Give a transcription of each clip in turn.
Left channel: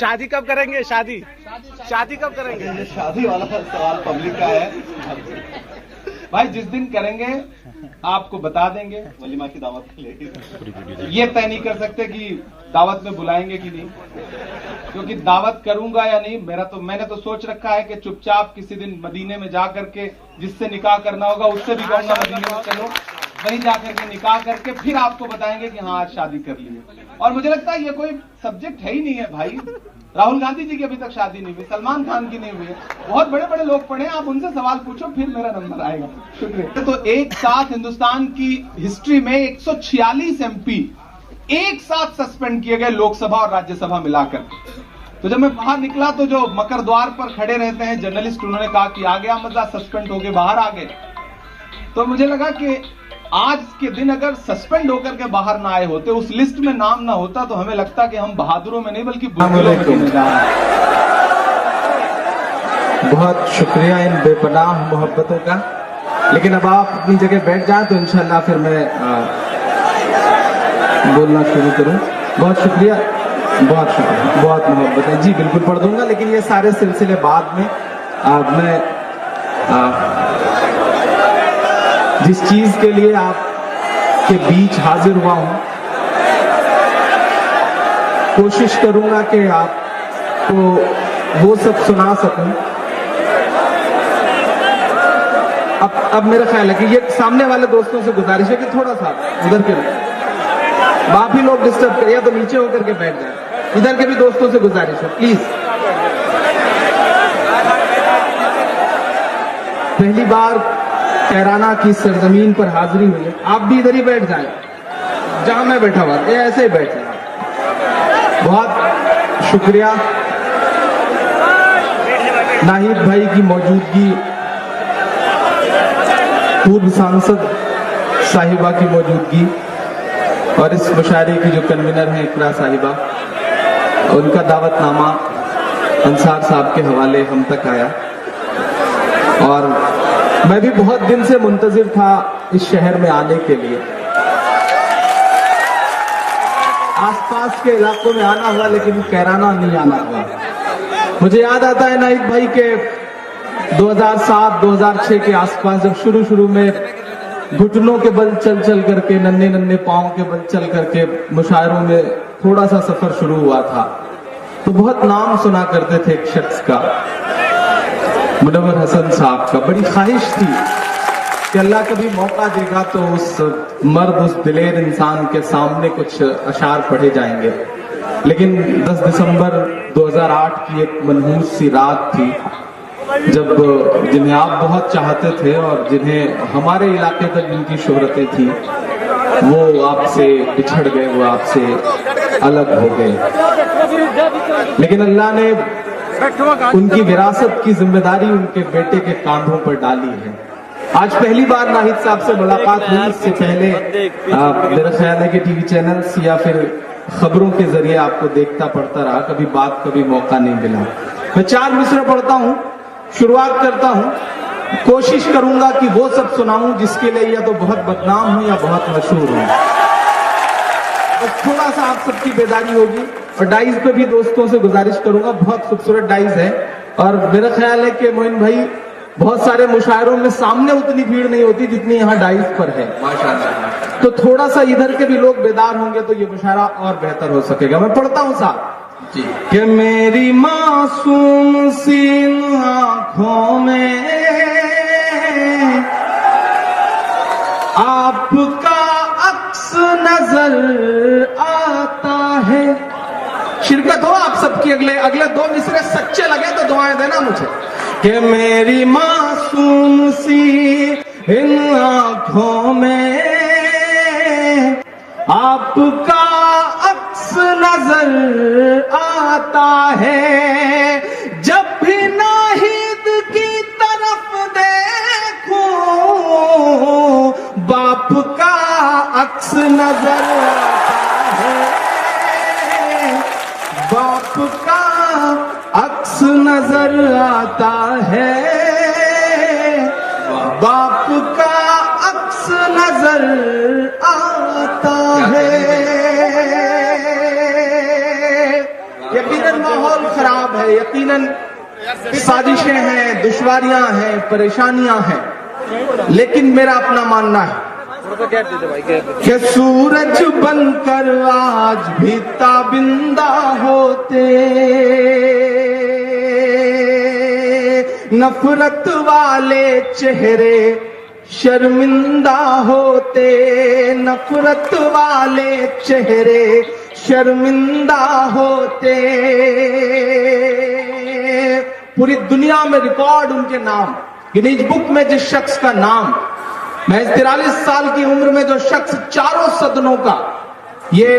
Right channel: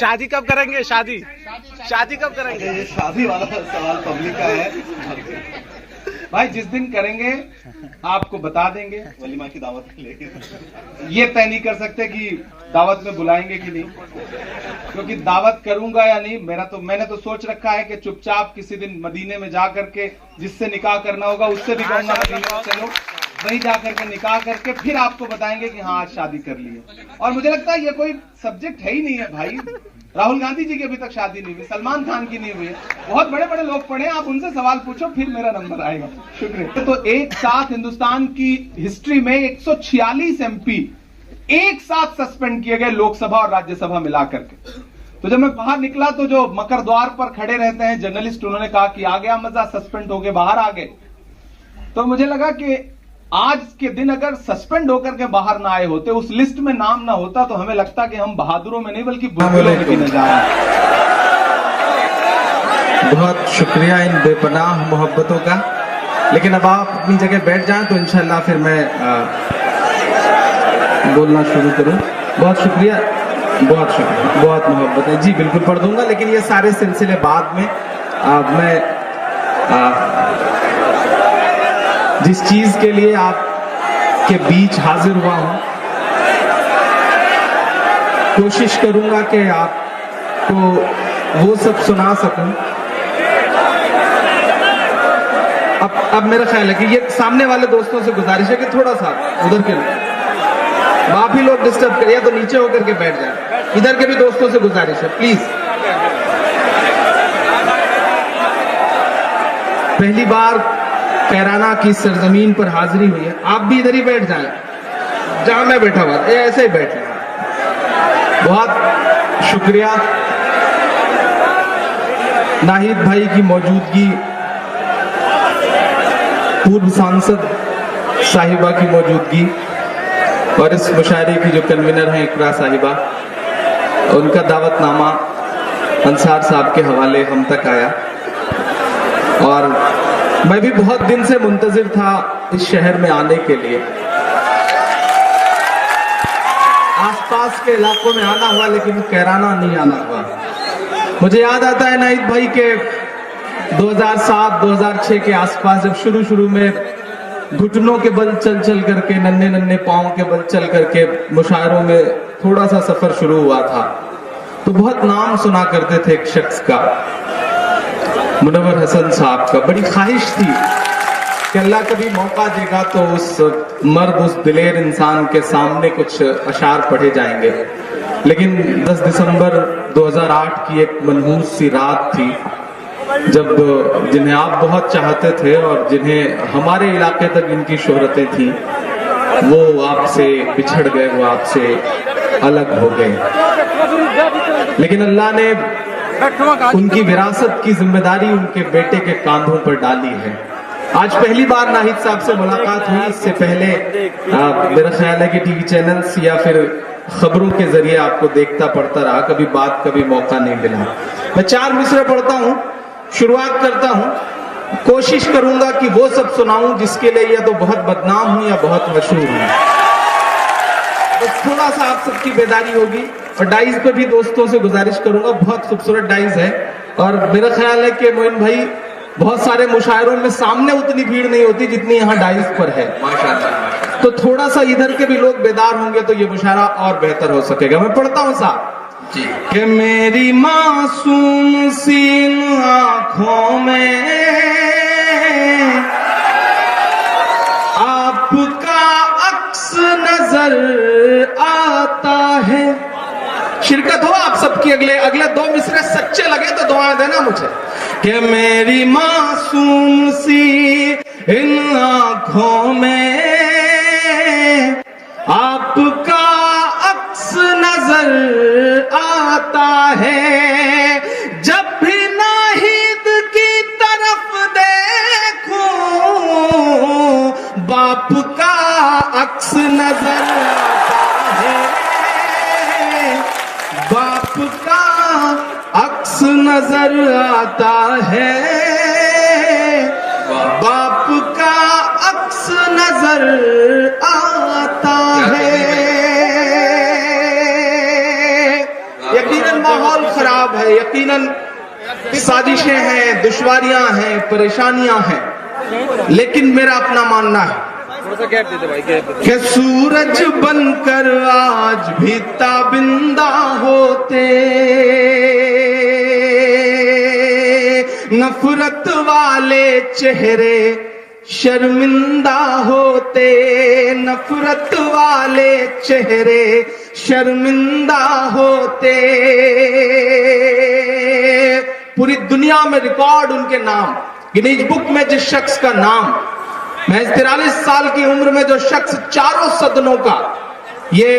शादी कब करेंगे? शादी कब करेंगे? ये शादी वाला सवाल पब्लिक का है भाई। जिस दिन करेंगे आपको बता देंगे। वलीमा की दावत लेके ये तय नहीं कर सकते कि दावत में बुलाएंगे कि नहीं, क्योंकि दावत करूंगा या नहीं मैंने तो सोच रखा है कि चुपचाप किसी दिन मदीने में जा करके जिससे निकाह करना होगा उससे भी कहूंगा मदीने में चलो, वही जाकर के निकाह करके फिर आपको बताएंगे कि हाँ आज शादी कर ली है। और मुझे लगता है ये कोई सब्जेक्ट है ही नहीं है भाई। राहुल गांधी जी की अभी तक शादी नहीं हुई, सलमान खान की नहीं हुई है, बहुत बड़े बड़े लोग पढ़े, आप उनसे सवाल पूछो फिर मेरा नंबर आएगा। शुक्रिया। तो एक साथ हिंदुस्तान की हिस्ट्री में 146 MP एक साथ सस्पेंड किए गए, लोकसभा और राज्यसभा मिलाकर। तो जब मैं बाहर निकला तो जो मकर द्वार पर खड़े रहते हैं जर्नलिस्ट, उन्होंने कहा कि आ गया मजा, सस्पेंड होके बाहर आ गए। तो मुझे लगा कि आज के दिन अगर सस्पेंड होकर के बाहर ना आए होते, उस लिस्ट में नाम ना होता, तो हमें लगता कि हम बहादुरों में नहीं बल्कि बुजुर्गों में गिने जा रहे हैं। बहुत शुक्रिया इन बेपनाह मोहब्बतों का। लेकिन अब आप अपनी जगह बैठ जाएं तो इंशाल्लाह फिर मैं बोलना शुरू करूं। बहुत शुक्रिया, बहुत शुक्रिया, बहुत मोहब्बत है जी, बिल्कुल पढ़ दूंगा। लेकिन ये सारे सिलसिले बाद में मैं जिस चीज के लिए आपके बीच हाजिर हुआ हूं, कोशिश करूंगा कि आपको वो सब सुना सकूं। अब मेरा ख्याल है कि ये सामने वाले दोस्तों से गुजारिश है कि थोड़ा सा उधर के आप ही लोग डिस्टर्ब करिए, या तो नीचे होकर के बैठ जाए। इधर के भी दोस्तों से गुजारिश है प्लीज। पहली बार कैराना की सरजमीन पर हाजिरी हुई है, आप भी इधर ही बैठ जाएं जहां मैं बैठा हुआ, ऐसे ही बैठे। बहुत शुक्रिया नाहिद भाई की मौजूदगी, पूर्व सांसद साहिबा की मौजूदगी, और इस मुशायरे की जो कन्वीनर हैं इकरा साहिबा, उनका दावतनामा अंसार साहब के हवाले हम तक आया। और मैं भी बहुत दिन से मुंतजिर था इस शहर में आने के लिए। आसपास के इलाकों में आना हुआ लेकिन कैराना नहीं आना हुआ। मुझे याद आता है नाहिद भाई के 2007-2006 के आसपास, जब शुरू में घुटनों के बल चल करके, नन्हे पांव के बल चल करके मुशायरों में थोड़ा सा सफर शुरू हुआ था, तो बहुत नाम सुना करते थे एक शख्स का, मुनव्वर हसन साहब का। बड़ी ख्वाहिश थी कि अल्लाह कभी मौका देगा तो उस मर्द, उस दिलेर इंसान के सामने कुछ अशार पढ़े जाएंगे। लेकिन 10 दिसंबर 2008 की एक मनहूस सी रात थी, जब जिन्हें आप बहुत चाहते थे और जिन्हें हमारे इलाके तक इनकी शोहरतें थी, वो आपसे बिछड़ गए, वो आपसे अलग हो गए। लेकिन अल्लाह ने उनकी विरासत की जिम्मेदारी उनके बेटे के कांधों पर डाली है। आज पहली बार नाहिद साहब से मुलाकात हुई। इससे पहले मेरा ख्याल है कि टीवी चैनल्स या फिर खबरों के जरिए आपको देखता पढ़ता रहा, कभी बात कभी मौका नहीं मिला। मैं 4 मिसरे पढ़ता हूं, शुरुआत करता हूं, कोशिश करूंगा कि वो सब सुनाऊं जिसके लिए या तो बहुत बदनाम हूं या बहुत मशहूर हूं। तो थोड़ा सा आप सबकी बेदारी होगी। और डाइज पे भी दोस्तों से गुजारिश करूंगा, बहुत खूबसूरत डाइज है। और मेरा ख्याल है कि मोइन भाई, बहुत सारे मुशायरों में सामने उतनी भीड़ नहीं होती जितनी यहाँ डाइज पर है माशाल्लाह। तो थोड़ा सा इधर के भी लोग बेदार होंगे तो ये मुशायरा और बेहतर हो सकेगा। मैं पढ़ता हूँ साहब जी कि मेरी मासूम सी आंखों में आपका अक्स नजर आता है। शिरकत हो आप सबकी। अगले 2 मिसरे सच्चे लगे तो दुआएं देना मुझे कि मेरी मासूम सी इन आंखों में आपका अक्स नजर आता है। जब भी नाहिद की तरफ देखूं बाप का अक्स नजर आता है। बाप का अक्स नजर आता है। बाप का अक्स नजर आता है। यकीनन माहौल खराब है, यकीनन साजिशें हैं, दुश्वारियां हैं, परेशानियां हैं, लेकिन मेरा अपना मानना है कि सूरज बनकर आज भी ताबिंदा होते, नफरत वाले चेहरे शर्मिंदा होते, नफरत वाले चेहरे शर्मिंदा होते। पूरी दुनिया में रिकॉर्ड उनके नाम, गिनीज बुक में जिस शख्स का नाम, महज 43 साल की उम्र में जो शख्स चारों सदनों का, ये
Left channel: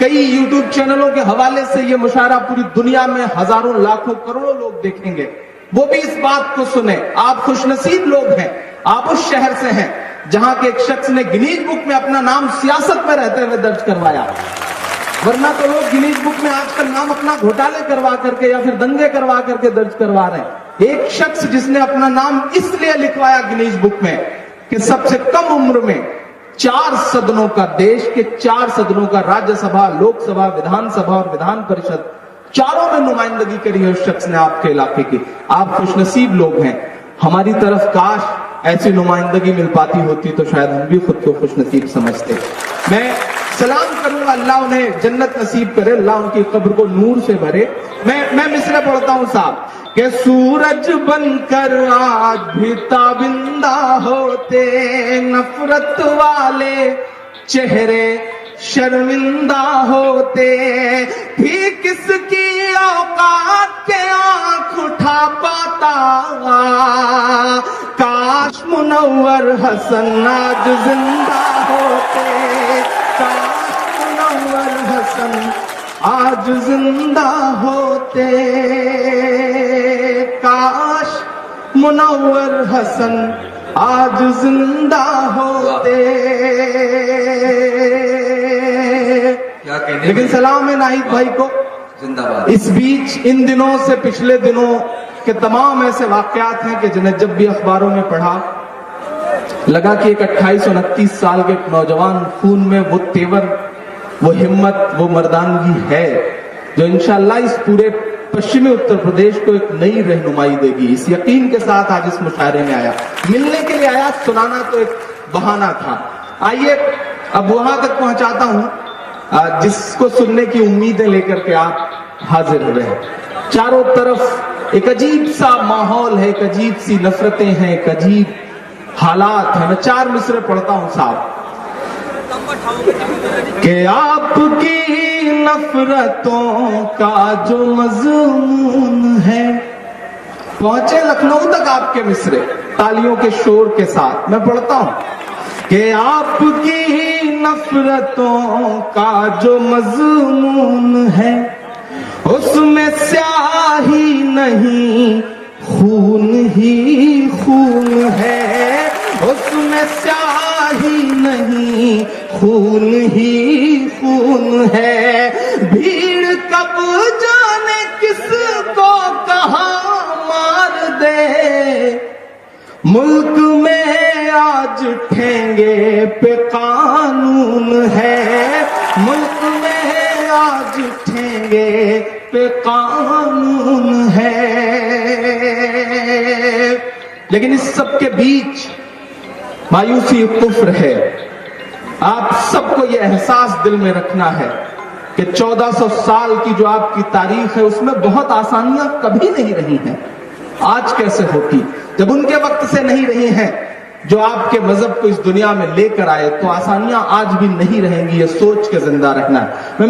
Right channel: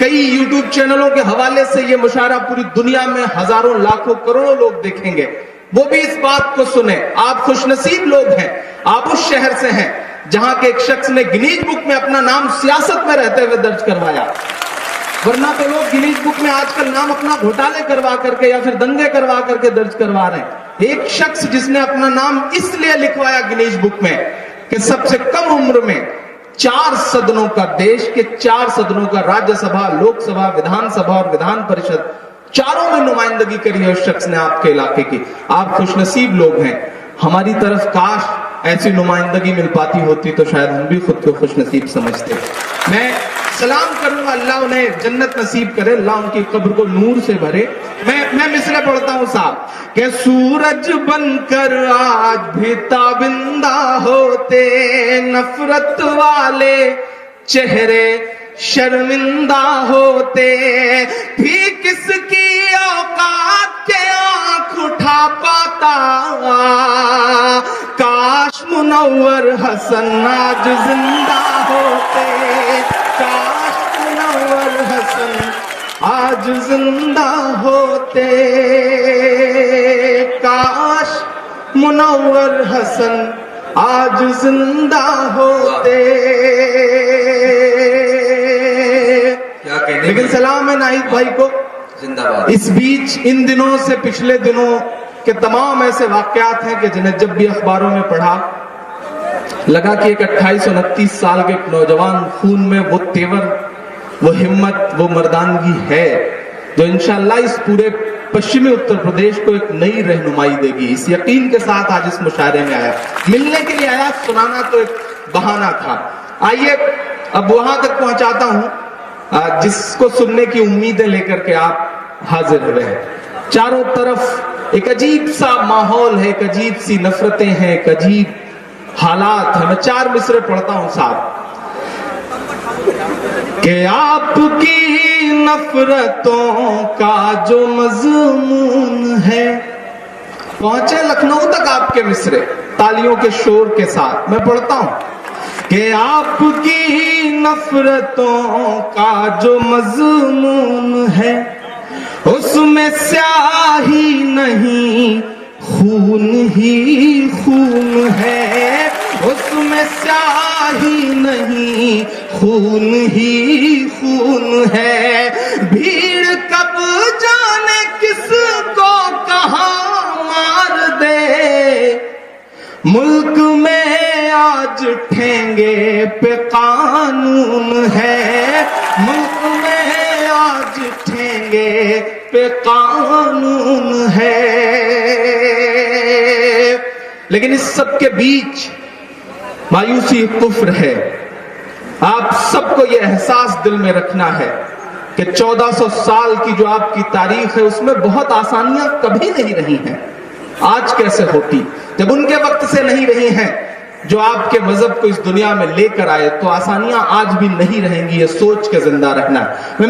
कई यूट्यूब चैनलों के हवाले से ये मुशायरा पूरी दुनिया में हजारों लाखों करोड़ों लोग देखेंगे, वो भी इस बात को सुने। आप खुशनसीब लोग हैं, आप उस शहर से हैं जहां के एक शख्स ने गिनीज बुक में अपना नाम सियासत में रहते हुए दर्ज करवाया, वरना तो लोग गिनीज बुक में आजकल नाम अपना घोटाले करवा करके या फिर दंगे करवा करके दर्ज करवा रहे हैं। एक शख्स जिसने अपना नाम इसलिए लिखवाया गिनीज बुक में कि सबसे कम उम्र में 4 सदनों का, देश के 4 सदनों का, राज्यसभा, लोकसभा, विधानसभा और विधान परिषद, चारों में नुमाइंदगी करी है उस शख्स ने आपके इलाके की। आप खुशनसीब लोग हैं। हमारी तरफ काश ऐसी नुमाइंदगी मिल पाती होती तो शायद हम भी खुद को खुशनसीब समझते। मैं सलाम करूंगा, अल्लाह उन्हें जन्नत नसीब करे, अल्लाह उनकी कब्र को नूर से भरे। मैं मिसरा पढ़ता हूं साहब कि सूरज बनकर आज भी ताबिंदा होते, नफरत वाले चेहरे शर्मिंदा होते, भी किसकी औकात के आंख उठा पाता, काश मुनव्वर हसन आज जिंदा होते, काश मुनव्वर हसन आज जिंदा होते, काश मुनव्वर हसन आज जिंदा होते। लेकिन सलाम है नाहिद भाई को जिंदाबाद। इस बीच इन दिनों से पिछले दिनों के तमाम ऐसे वाकयात हैं कि जिन्हें जब भी अखबारों में पढ़ा लगा कि एक 28-29 साल के नौजवान खून में वो तेवर, वो हिम्मत, वो मर्दानगी है जो इंशाअल्लाह इस पूरे पश्चिमी उत्तर प्रदेश को एक नई रहनुमाई देगी। इस यकीन के साथ आज इस मुशायरे में आया, मिलने के लिए आया, सुनाना तो एक बहाना था। आइए अब वहां तक पहुंचाता हूं जिसको सुनने की उम्मीदें लेकर के आप हाजिर हुए हैं। चारों तरफ एक अजीब सा माहौल है, एक अजीब सी नफरतें हैं, एक अजीब हालात है। मैं 4 मिसरे पढ़ता हूं साहब कि आपकी नफरतों का जो मजमून है। पहुंचे लखनऊ तक आपके मिसरे तालियों के शोर के साथ। मैं पढ़ता हूं कि आपकी नफरतों का जो मजमून है, उसमें स्याही नहीं खून ही खून है, उसमें स्याही नहीं खून ही खून है। भीड़ कब जाने किसको कहां मार दे, मुल्क में आज ठेंगे पे कानून है, मुल्क में आज ठेंगे पे कानून है। लेकिन इस सब के बीच मायूसी कुफ्र है। आप सबको यह एहसास दिल में रखना है कि 1400 साल की जो आपकी तारीख है उसमें बहुत आसानियां कभी नहीं रही हैं। आज कैसे होती, जब उनके वक्त से नहीं रही हैं जो आपके मजहब को इस दुनिया में लेकर आए, तो आसानियां आज भी नहीं रहेंगी। ये सोच के जिंदा रखना। मैं